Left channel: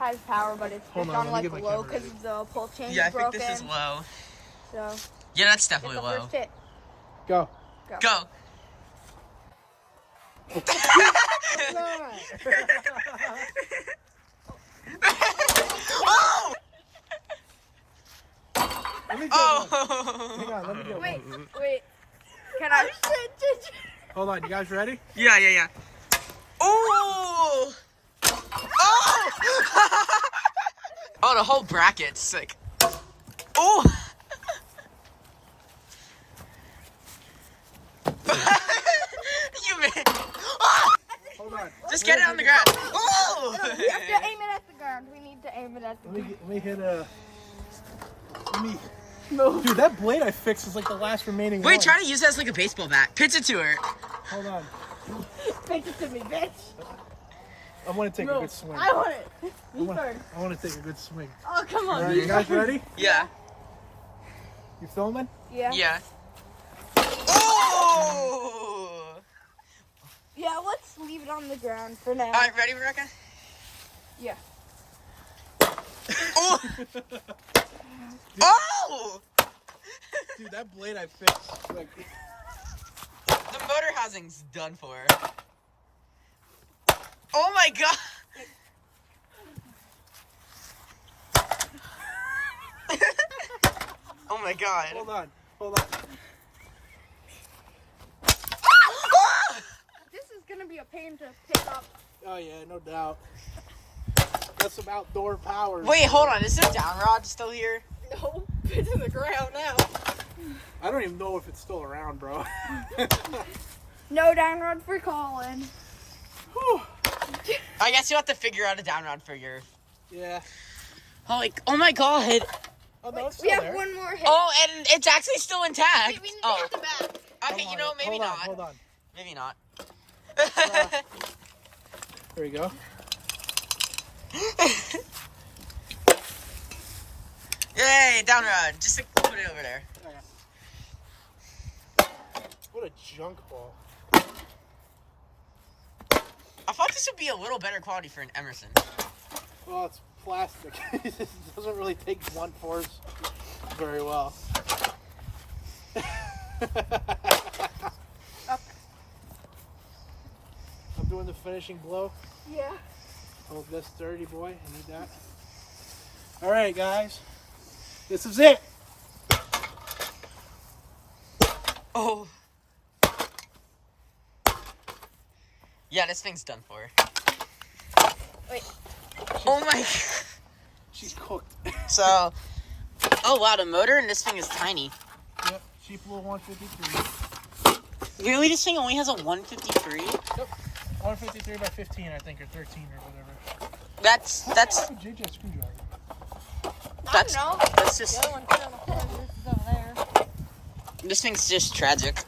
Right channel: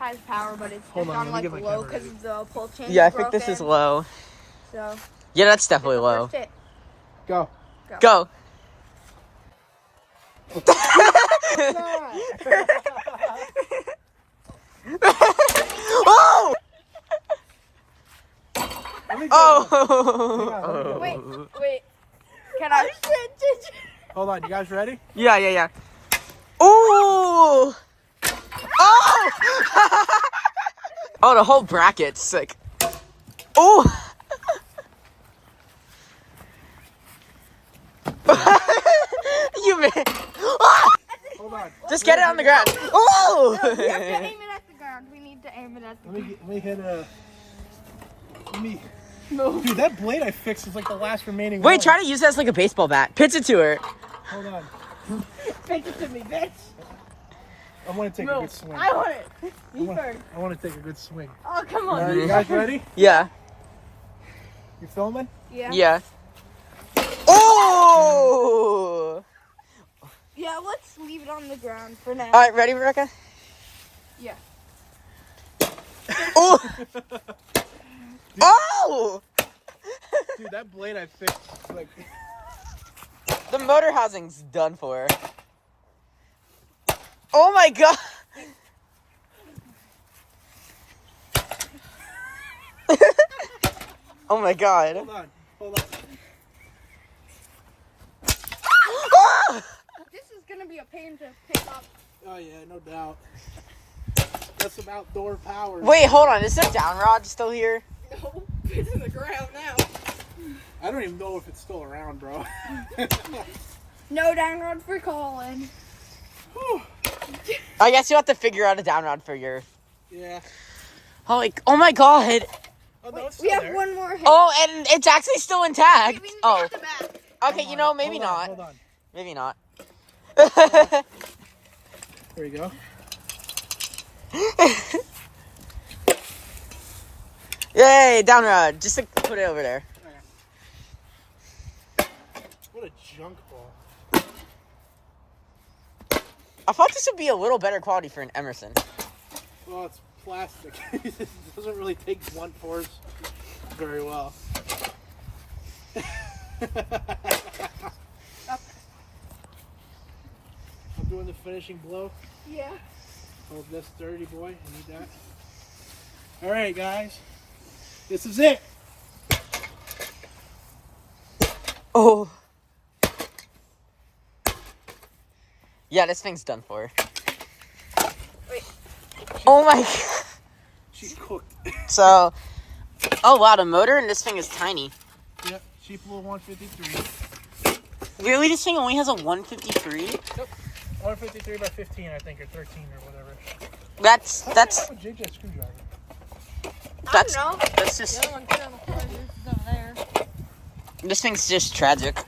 has power, but it's Hold just on, on let me like get my low camera. because the pull chain. Yeah, I is think this is broken. low. So Yeah, that's definitely low. first hit. Go. Go. Oh! Oh! Wait. Can I? Hold on, you guys ready? Yeah. Oh! Oh! Oh, the whole bracket's like. Oh! You man. Ah! Hold on. Just get it on the ground. Oh! We have to aim it at the ground. We need to aim it at the ground. Let me hit a. No. Dude, that blade I fixed is like the last remaining Wait, one. try to use it as like a baseball bat. Pitch it to her. Hold on. Pitch it to me, bitch. I want to take a good swing. I want it. Me first. I want to take a good swing. Oh, come on. Alright, you guys ready? Yeah. You filming? Yeah. Oh! Yeah, let's leave it on the ground for now. All right, ready, Rebecca? Yeah. Oh! Oh! Dude, that blade I fixed. Like, The motor housing's done for. Oh my god! Oh my god. hold on. Ah! This is gonna be a pain to pick up. Oh yeah, no doubt. That's some outdoor power. Wait, hold on. Is the down rod still here? No, it's in the ground now. I don't even know if it's still around, bro. No down rod for Colin. I guess you have to figure out a down rod for your. Yeah. Oh my god. Oh, no, it's We still have there. one more hit. Oh, and it's actually still intact. Wait, we need to Oh, hit the back. okay. You know, maybe Hold on, not. Hold on. Maybe not. There we go. Yay, down rod. Just like, put it over there. What a junk ball. I thought this would be a little better quality for an Emerson. Well, it's plastic. It doesn't really take blunt force very well. I'm doing the finishing blow. Yeah. Hold this sturdy, boy. I need that. All right, guys. This is it. Oh. Yeah, this thing's done for. Wait. Oh my god. She's cooked. So, oh wow, the motor in this thing is tiny. Yep, cheap little 153. Really, this thing only has a 153? Yep. 153 by 15, I think, or 13 or whatever. That's I have a JJ screwdriver. that's I don't know. that's just. This thing's just tragic.